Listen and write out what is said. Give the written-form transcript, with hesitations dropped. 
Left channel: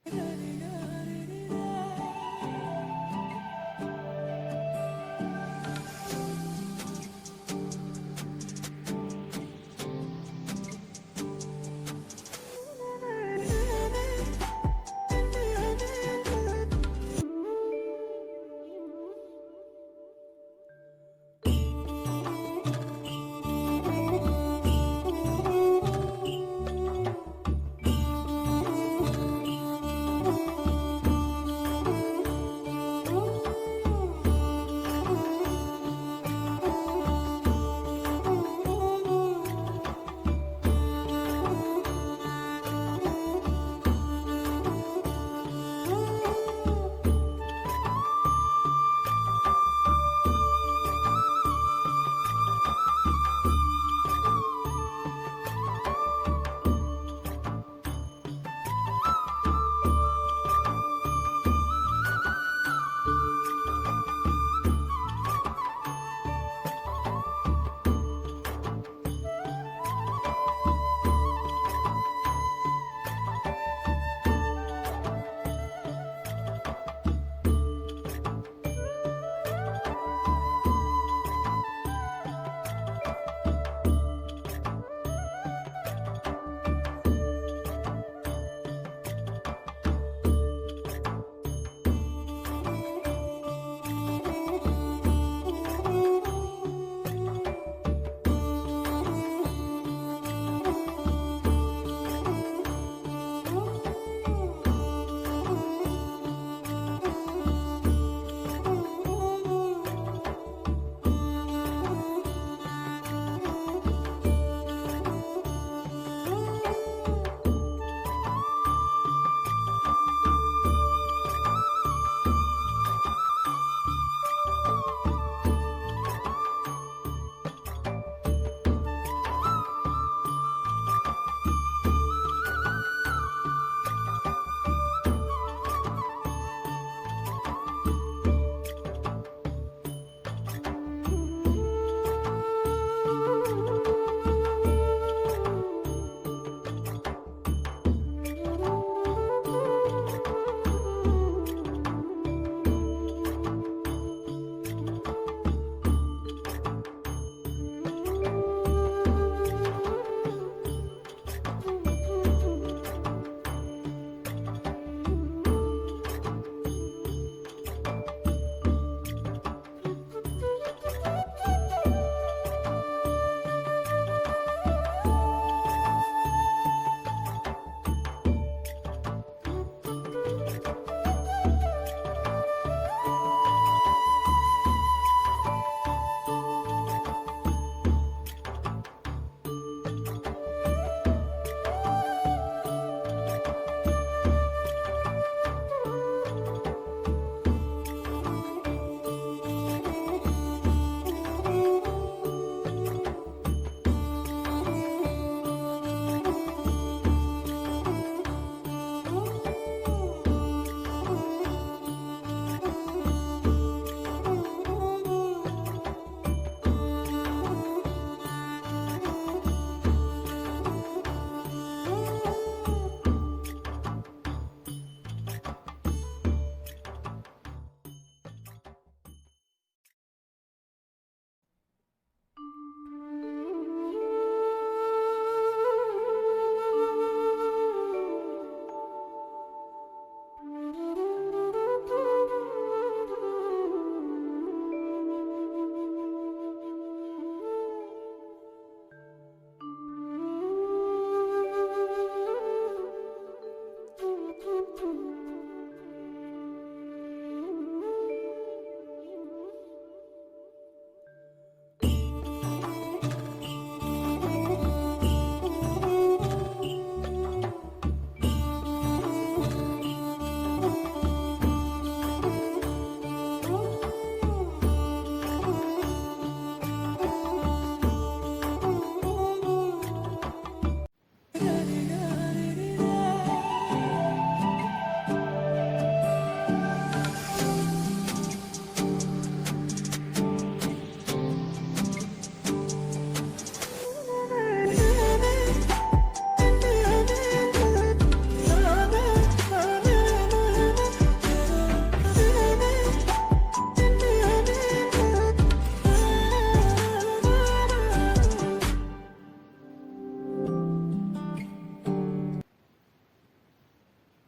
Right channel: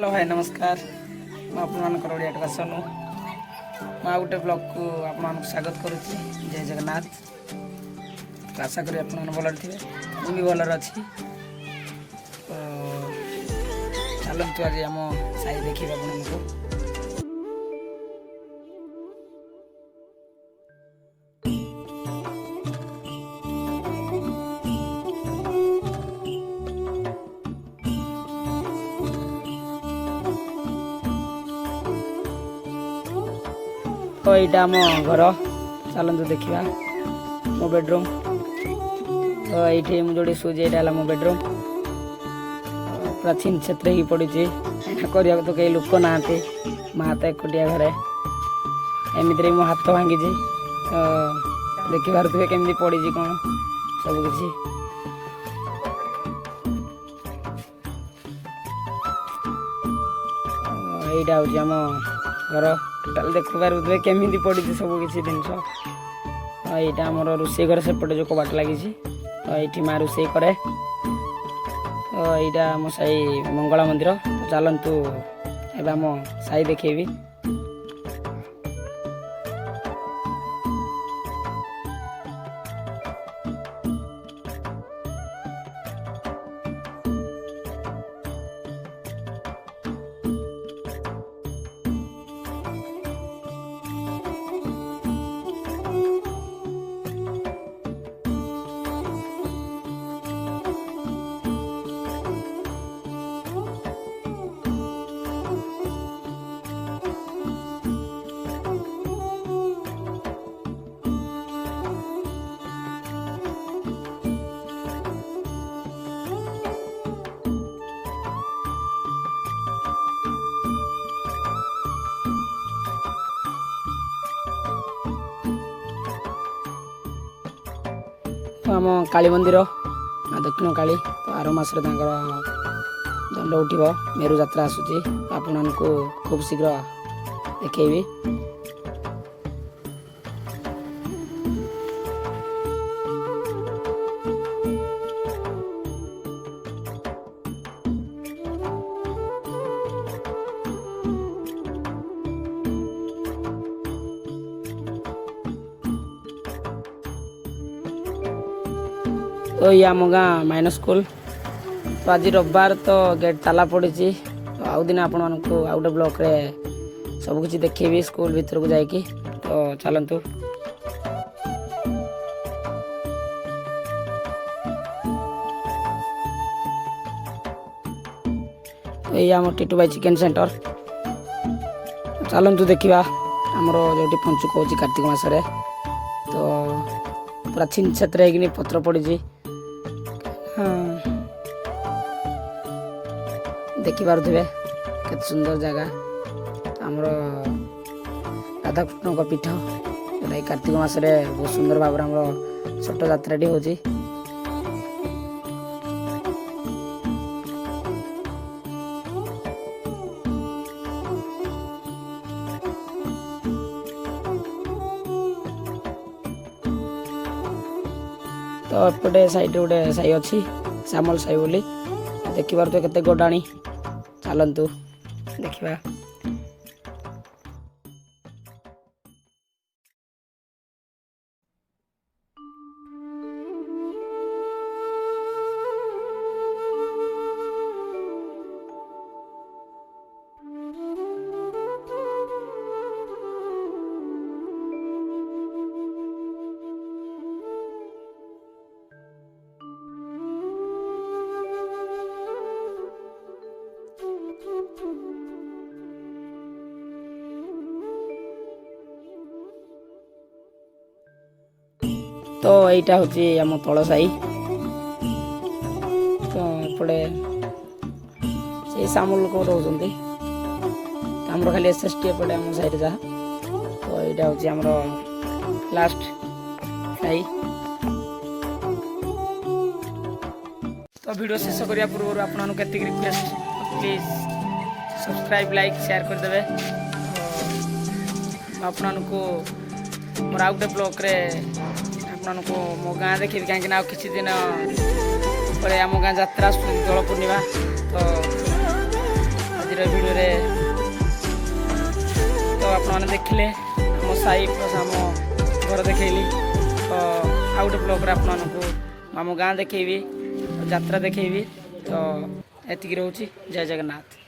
Hello भाई नमस्कार मुझे ओडिया भाषा मैं गोटे ब्लॉग को आप स्वागत करुच्ची जय जगन्नाथ। आशा करी आप भल थे मुझे भी भलर अच्छी। तो चलतु आज आम साई देखिए तो यहाँ आम घर चलतु देखा मो बेडरूम। तो ये मुझे शुजे यहाँ मो बेडरूम प्राचीन क्षेत्र ही पड़ी करने तो कई लोक ना माँ तो एकुटिया घरे एमती मो हाथ भांगी तो देखिपे केमी पड़ी कौन सब किसी। यहाँ हूँ आम घर टोटाल देखिपे केमी पड़ी सब किसी जिन। यहाँ आमर रोषे घर सेपटे जो कबाट लगी तो ये माँ रोषे कै। तो यहाँ आम साई मंगला मंदिर चलतु एवं आम साई देखेबी। आम काली मंदिर दक्षिण काली आर मस दंड उठब मेरु जात्रा आसूची आपण खूब शीघ्र देखी। तो ये आम गाँ माइनस स्कूल। तो आज रविवार तो गेट ताला पड़ी। तो आउ दिन आपण मानक आउ गोटे ब्लॉक रे सब किसी देखेबी स्कूल भीतर को जाकि। तो चलतु ये आम टीटू बाई चिकेन सेंटर। चलतु देखा आमर जो पंचुक हो कार्तिक मासरे। तो प्राचीन क्षेत्र है पत्र पड़ी देखिपे केते सुंदर जगह आमर राधाकृष्ण पीठ। कार्तिक मासरे बहुत सुंदर भाव छठ जात्राटी हो। तो एपटे साइड गोटे साई अच्छी श्यामल साई बोली देखिपार केते गोडाणी। चलतु देखा तो यहाँ हूँ आम तल साई। तो एपटे से सामल लोक रोचे आम खाली एसएसटी एपटे आम साइड जहाँ। तो यहाँ हूँ आम लास्ट साई। तो वीडियो शेष करने पूर्व आपको request please subscribe like share करदे। आपको मोर आउ गोटे ब्लॉक रे आपको मो गाँ देखिए कहीं किसी दिन पर आम गाँ जात्रा दोल पूर्णिमा। तो ଆମ ସାହି ପ୍ଲସ୍ ଆମ ଘର ଦେଖେଇଲି। ତ ଆଉ ଗୋଟେ ବ୍ଲଗ୍ରେ ଆପଣମାନଙ୍କୁ ଆମ ଗାଁ ଦେଖେଇବି, ଯାତ୍ରା ଦେଖେଇବି। ତ ଏତିକି ରହୁଛି। ଜୟ ଜଗନ୍ନାଥ।